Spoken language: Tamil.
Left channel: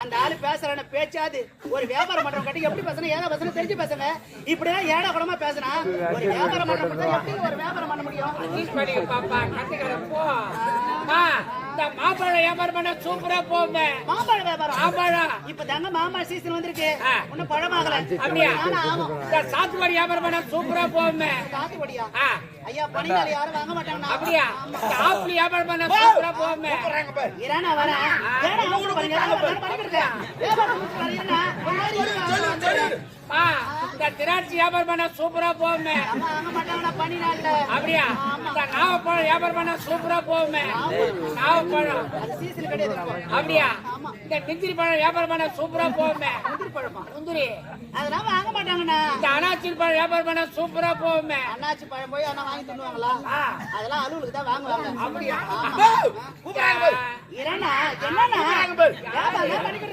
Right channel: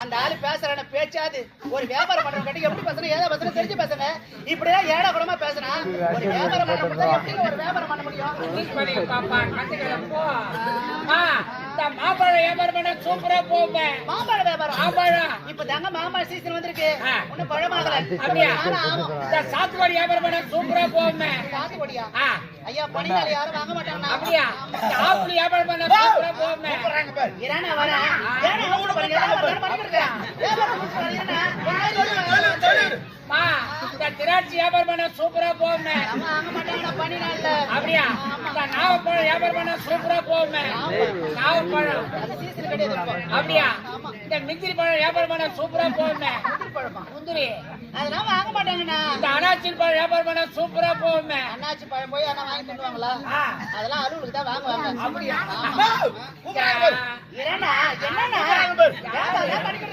அந்த ஆளு பேசுற பேச்சாது ஒரு வியாபாரம் பண்ற கட்டி எப்படி பேசணும் ஏதா பேசணும் தெரிஞ்சு பேசுங்க இப்படிதான் ஏடா கூடமா பேசுனா ஒரு வியாபாரம் பண்ற ஒரு வியாபாரம் பண்ண முடியும் பாப்பா இந்த மாம்பழ வியாபாரம் பண்ண சூப்பரா போமே மாம்பழ வியாபாரம் மாம்பழம் இப்ப தாங்க மாம்பழ சீசன் வந்திருக்கு இன்னும் பழமாகல அப்படியா இந்த சாத்துக்குடி வியாபாரம் பண்ண சூப்பரா போமே சாத்துக்குடியா ஐயா பணியாளி யாரும் வாங்க மாட்டாங்க அப்படியா இந்த ஆப்பிள் வியாபாரம் பண்ண சூப்பரா போமே இரானா வரா இந்த திராட்சை வியாபாரம் பண்ண சூப்பரா போமே அப்படியா இந்த நாவப்பழம் வியாபாரம் பண்ண சூப்பரா போமே நாவப்பழம் அப்படியா இந்த முந்திரி பழம் வியாபாரம் பண்ண சூப்பரா போமே முந்திரி அதெல்லாம் வாங்க மாட்டாங்கண்ணா இந்த அனாச்சி பழம் வியாபாரம் பண்ண சூப்பரா போமே அண்ணாச்சி பழம் போய் ஆனா வாங்கி தருவாங்களா அதெல்லாம் அலுவலுக்கு தான் வாங்குவாங்க அப்படியா என்னண்ணா